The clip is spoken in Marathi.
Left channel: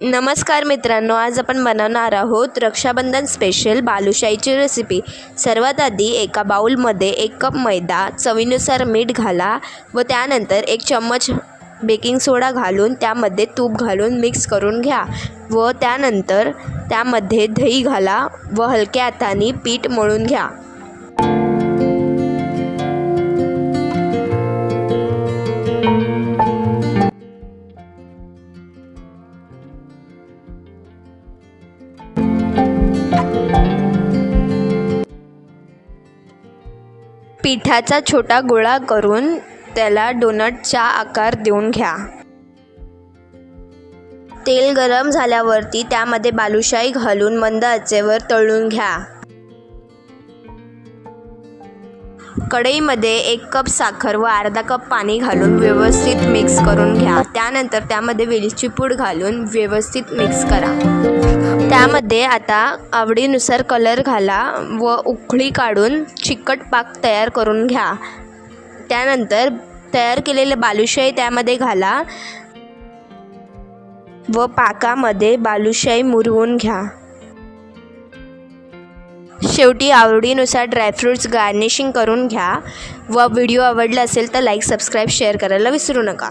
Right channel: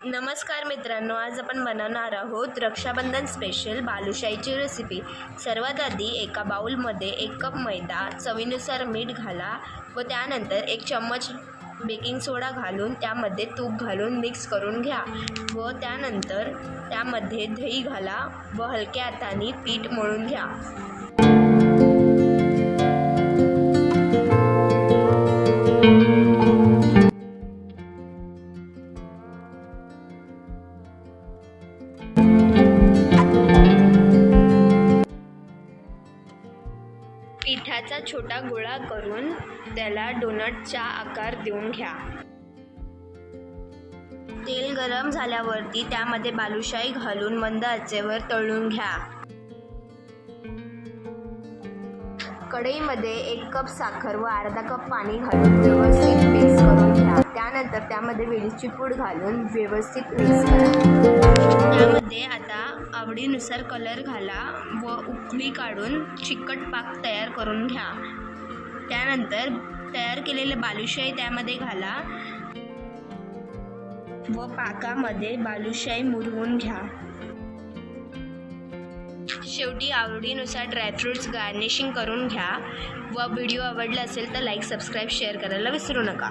नमस्कार मित्रांनो, आज आपण बनवणार आहोत रक्षाबंधन स्पेशल बालुशाहीची रेसिपी। सर्वात आधी एका बाउलमध्ये 1 कप मैदा, चवीनुसार मीठ घाला व त्यानंतर 1 चम्मच बेकिंग सोडा घालून त्यामध्ये तूप घालून मिक्स करून घ्या व त्यानंतर त्यामध्ये दही घाला व हलक्या हाताने पीठ मळून घ्या। पिठाचा छोटा गोळा करून त्याला डोनटचा आकार देऊन घ्या। तेल गरम झाल्यावरती त्यामध्ये बालुशाही घालून मंद आचेवर तळून घ्या। कढईमध्ये 1 कप साखर व अर्धा कप पाणी घालून व्यवस्थित मिक्स करून घ्या। त्यानंतर त्यामध्ये वेलची पूड घालून व्यवस्थित मिक्स करा। त्यामध्ये आता आवडीनुसार कलर घाला व उकळी काढून चिकट पाक तयार करून घ्या। त्यानंतर तयार केलेले बालुशाही त्यामध्ये घाला व पाकामध्ये बालुशाही मुरवून घ्या। शेवटी आवडीनुसार ड्रायफ्रूट्स गार्निशिंग करून घ्या व व्हिडिओ आवडला असेल तर लाईक, सबस्क्राईब, शेअर करायला विसरू नका।